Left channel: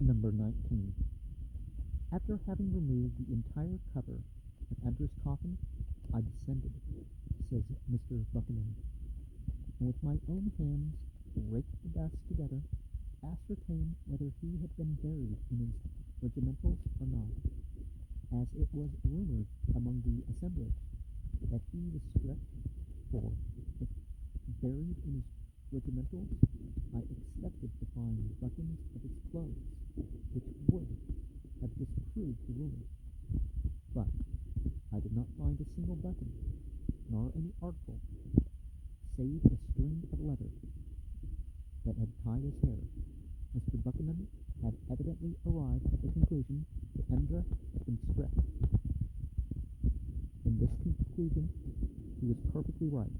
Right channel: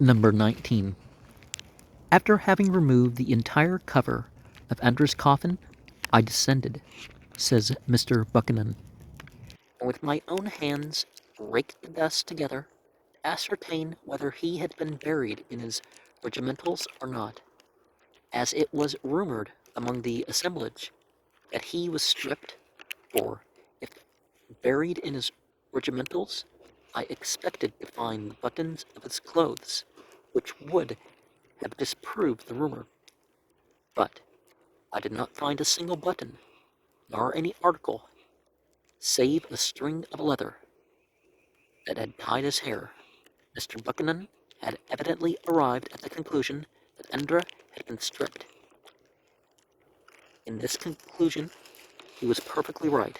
Number 19. After having removed the entire cover of Andrew's coffin, I descended, says Mr. Buchanan, and with my own hands raked the dust together to ascertain whether he had been buried in his regimentals or not, as it was rumored among the assemblage that he was stripped, for if buried in his regimentals, I expected to find the buttons of his clothes, which would have disproved the rumor. But I did not find a single button, nor any article, save a string of leather that had tied his hair. Mr. Buchanan had evidently arrived at the conclusion that Endra had been stripped. In this conclusion, he was perfectly right.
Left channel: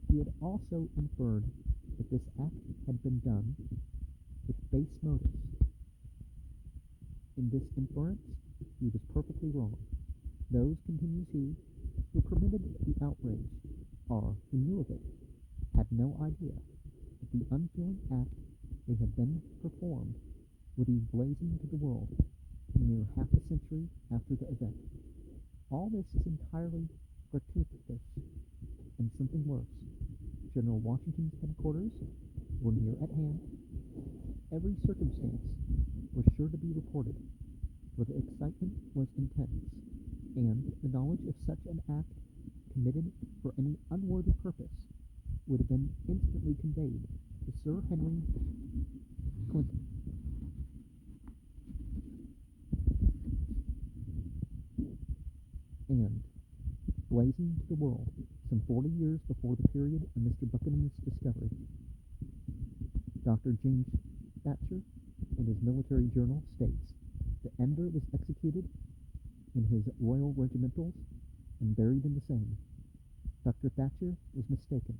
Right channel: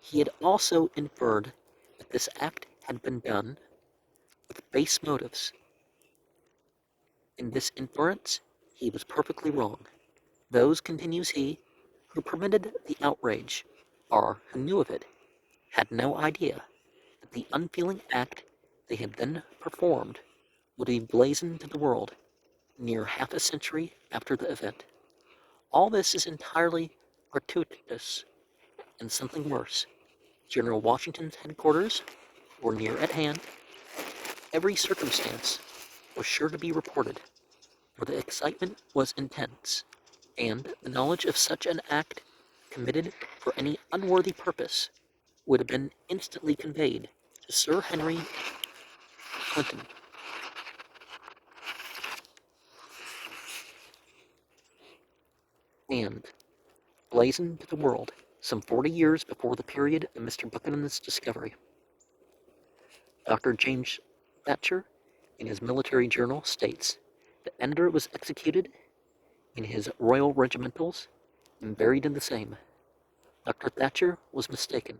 He had also inferred that this act had been done with base motives. In this inference, he was perfectly wrong. Those, continues he, who permitted the outrage, or who knew of it, had no idea that the unfeeling act they had then performed would be blazoned to the world near half a century after the event. All this is entirely gratuitous, and something worse. General Washington's headquarters were near at hand. Every circumstance was sure to be reported, for the excitement was intense, and the knowledge of such an act committed for any unworthy purpose would have been instantly conveyed to Sir Henry Clinton. And blazoned to the world some 40 years before the period of Mr. Buchanan's discovery. Dr. James Thatcher, in his military journal, states that Ender was executed in his royal regimentals and buried in the same. Dr. Thatcher was mistaken,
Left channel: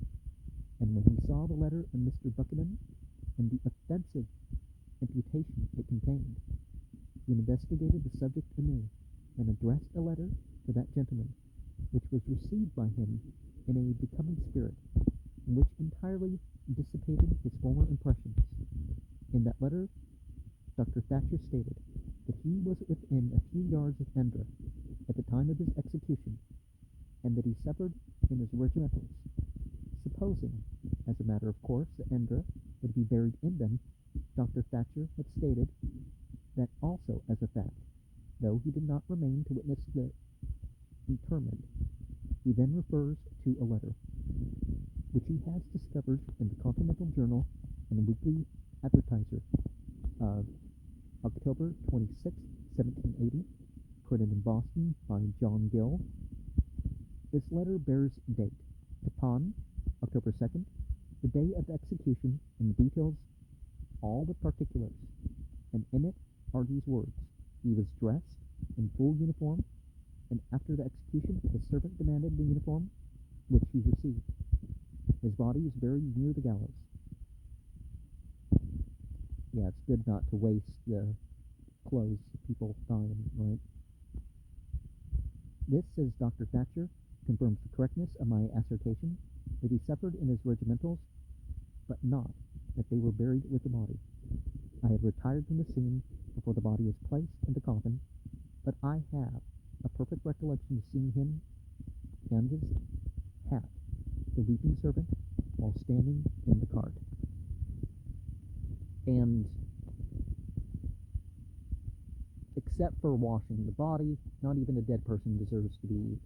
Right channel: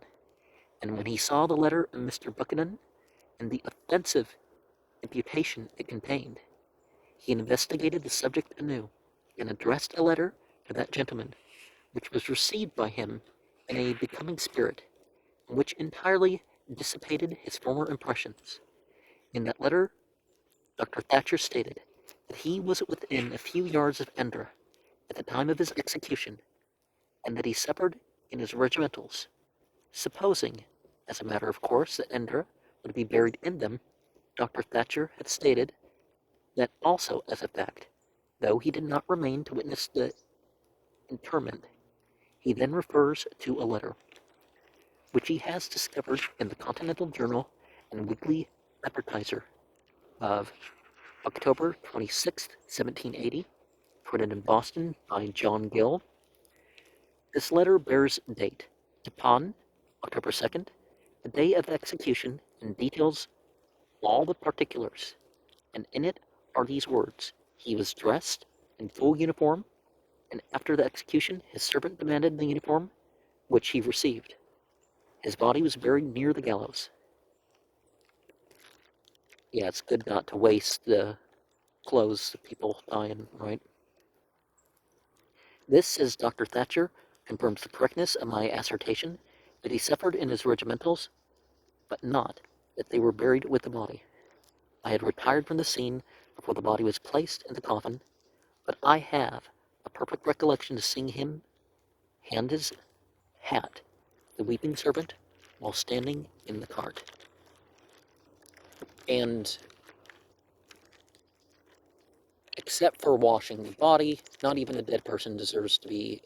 and when he saw the letter of Mr. Buchanan and the offensive imputation it contained, he investigated the subject anew and addressed a letter to that gentleman, which was received by him in a becoming spirit, and which entirely dissipated his former impressions. In that letter, Dr. Thatcher stated that he was within a few yards of Endra at the time of his execution, and that he suffered in his regimentals. Supposing, as a matter of course, that Endra would be buried in them, Dr. Thatcher had stated that also as a fact, though he did not remain to witness the interment. He then refers to a letter, which he has discovered in the Continental Journal and Weekly Advertiser of October 26, 1780, printed in Boston by John Gill. This letter bears date upon October 2nd, the day of execution, and details all the particulars, and in it are these words: he was dressed in full uniform, and after the execution his servant demanded the uniform, which he received. His body was buried near the gallows. Yeah, it's good not to waste the clothes of people dying, right? This, says Dr. Thatcher, confirms the correctness of my assertion that he suffered in his regimentals, but not that they were buried with the body. I had retired from the scene before the body was placed in the coffin, but I have a perfect recollection of seeing him hand his hat to the weeping servant while standing in the cart. And except for washing the body, not even a dead person deserves to be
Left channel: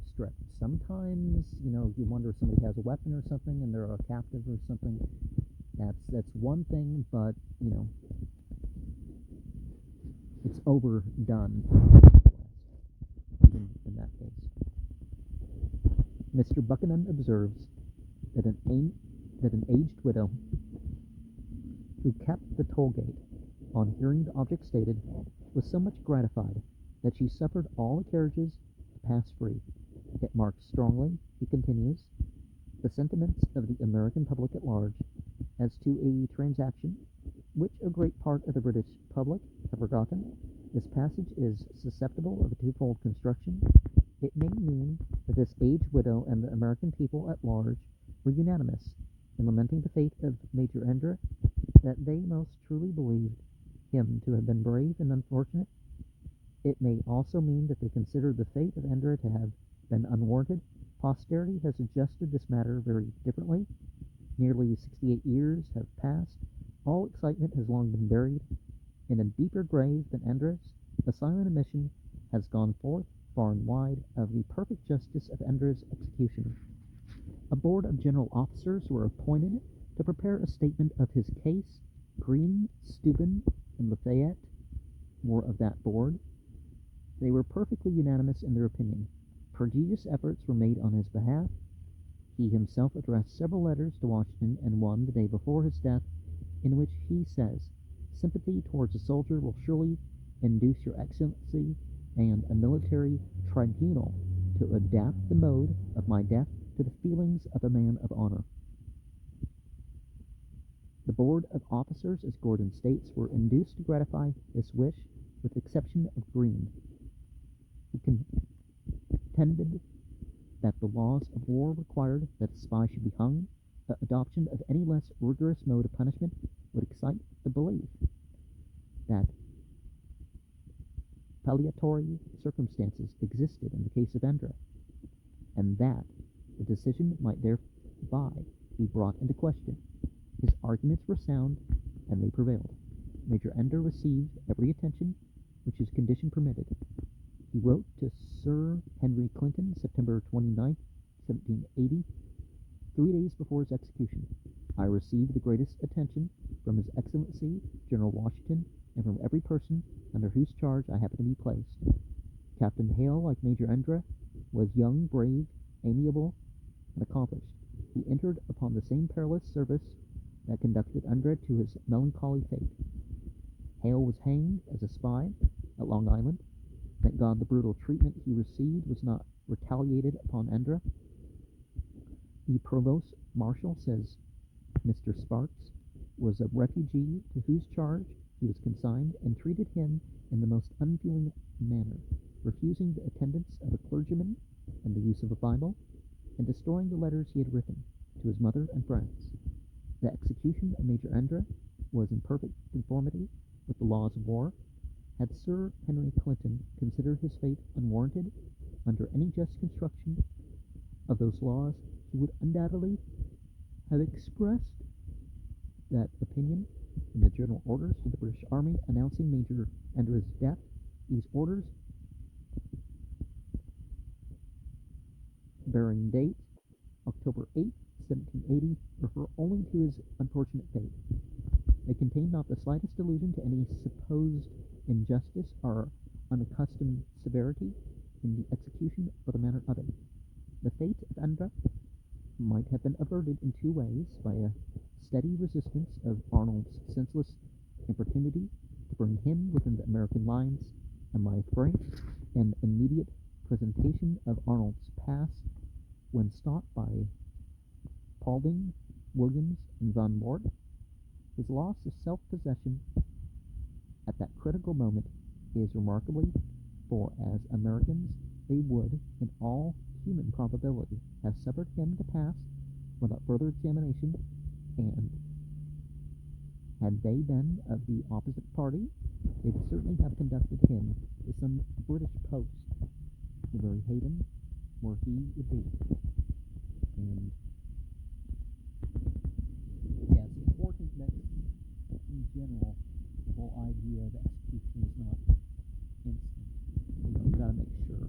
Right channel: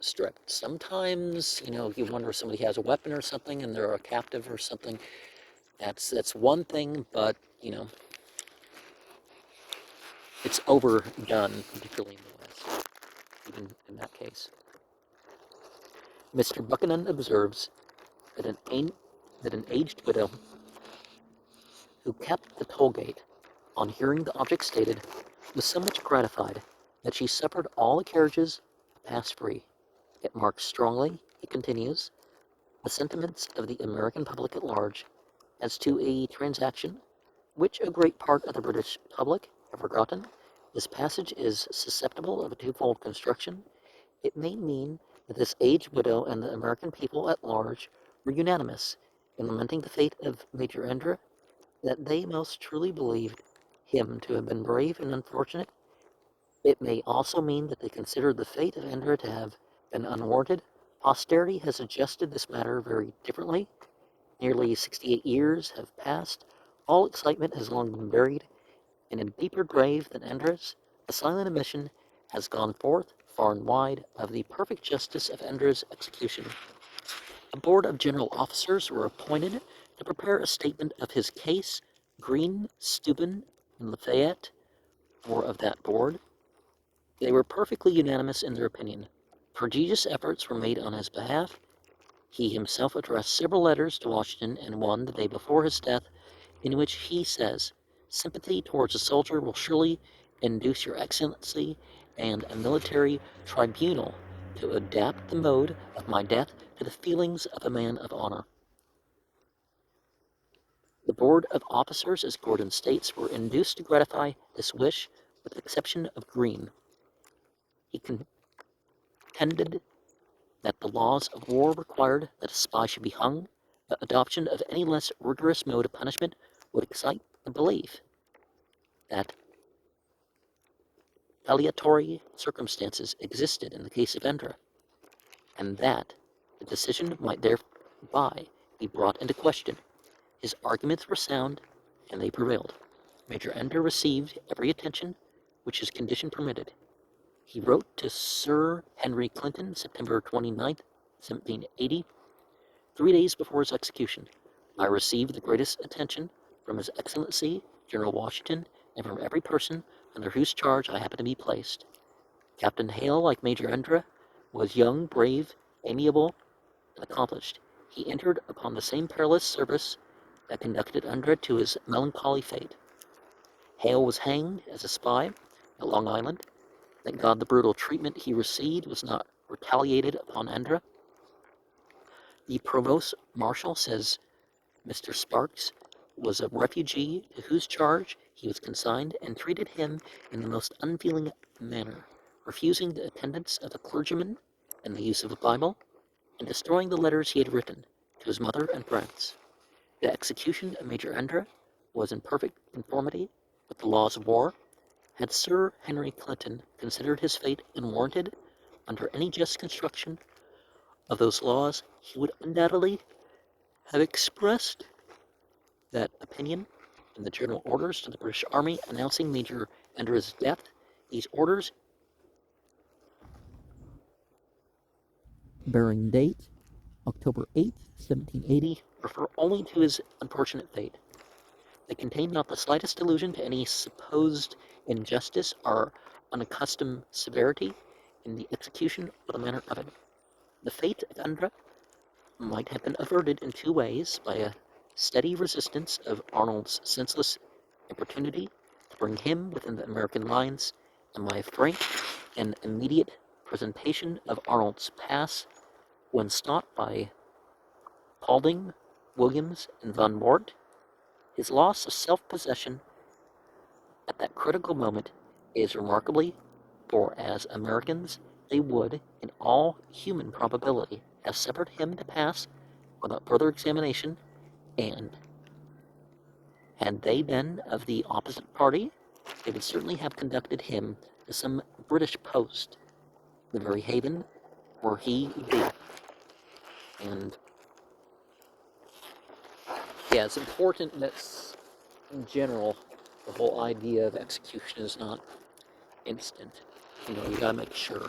stripped. Sometimes, you wonder if somebody has a weapon or something and they're a captive or something. That's one thing, but, it's overdone, really, even in that case. Mr. Buchanan observes that an aged widow who kept the toll gate, on hearing the object stated, was so much gratified that she suffered all the carriages to pass free. It marks strongly, he continues, the sentiments of the American public at large as to a transaction which a great part of the British public have forgotten. This passage is susceptible of a twofold construction. It may mean that this aged widow and the American people at large were unanimous in lamenting the fate of Major Endra, that they most truly believed him to have been brave and unfortunate. It may also mean that they considered the fate of Indra to have been unwarranted. Posterity has adjusted this matter very differently. Nearly 68 years have passed. All excitement has long been buried. In a deeper grave than Indra's, the silent admission has gone forth far and wide of the perfect justice of Indra's execution. A board of general officers were appointed to prepare a statement of his case. Green, Steuben, and Lafayette were of that board. They were perfectly unanimous in their opinion. Prodigious efforts were made on his behalf. He himself addressed several letters to Washington, and one the day before his death, in which he says, "Sympathy towards a soldier will surely induce your Excellency and a military tribunal to adapt the mode of my death to the feelings of a man of honor." The board of officers, as Gordon states, were induced to gratify this wish, with the exception of Greene. He contended that the laws of war required that a spy should be hung. The adoption of any less rigorous mode of punishment would excite the belief that palliatory circumstances existed in the case of Indra, and that the decision might thereby be brought into question. His arguments were sound, and they prevailed. Major Indra received every attention which his condition permitted. He wrote to Sir Henry Clinton, September 29, 1780, 3 days before his execution. "I received the greatest attention from His Excellency, General Washington, and from every person under whose charge I happen to be placed. Captain Hale, like Major Indra, was young, brave, amiable, and accomplished. He entered upon the same perilous service that conducted Indra to his melancholy fate. Hale was hanged as a spy at Long Island. Thank God the brutal treatment he received was not retaliated upon Indra. The provost marshal says Mr. Sparks was a refugee to whose charge he was consigned, and treated him in the most unfeeling manner, refusing the attendance of a clergyman and the use of a Bible, and destroying the letters he had written to his mother and friends. The execution of Major Indra was in perfect conformity with the laws of war. Had Sir Henry Clinton considered his fate unwarranted under any just construction of those laws, he would undoubtedly have expressed that opinion in the general orders to the British Army announcing Major Indra's death. These orders, bearing date October 8, 1780, refer only to his unfortunate fate. They contain not the slightest allusion to any supposed injustice or unaccustomed severity in the execution or the manner of it. The fate of Indra might have been averted in 2 ways: by a steady resistance of Arnold's senseless importunity to bring him within the American lines, and by a frank and immediate presentation of Arnold's pass when stopped by Paulding, Williams, and Von Wart. His loss of self-possession at that critical moment is remarkable, for as Americans they would, in all human probability, have suffered him to pass without further examination, and had they been of the opposite party, they would certainly have conducted him to some British post, the very haven where he would be. And yeah, it's important that in general the whole idea of execution is not instant. You gotta make sure.